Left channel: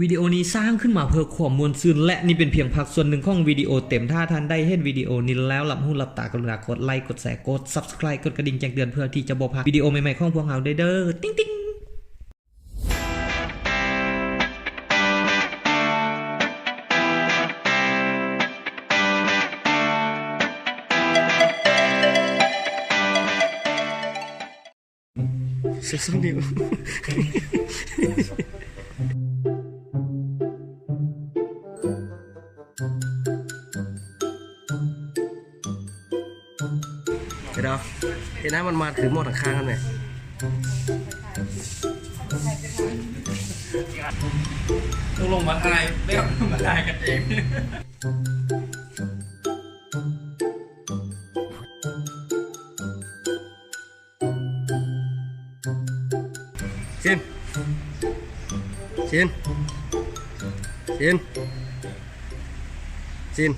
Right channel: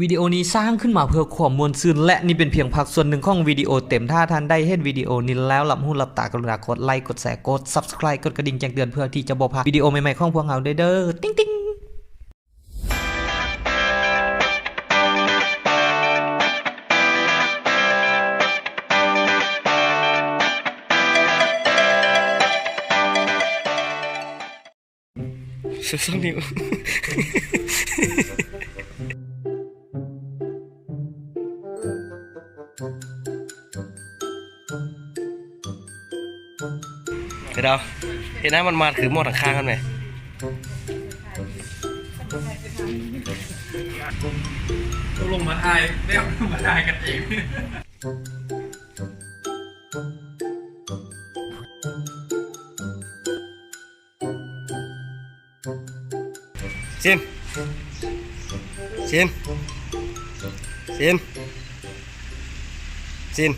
วิดีโอนี้สร้างขึ้นมาเพื่อความมวลซื่นและนี่เป็นเพียงภาคส่วนหนึ่งของวิดีโอเต็มถ้าท่านได้เห็นวิดีโอนี้แล้วหลับหูหลับตากรุณากดไลค์กดแชร์กด Subscribe กดกระดิ่งแจ้งเตือนเพื่อที่จะบ่พลาดวิดีโอใหม่ๆของพวกเราเด้อติ๊งติ๊งสุดๆนิ้วเดี๋ยวเห็นหน้ามันมาคือหมดทางข้างกันไหมลงมาถ่ายไม่เอามาถ่ายกันเองชินชินชินชิน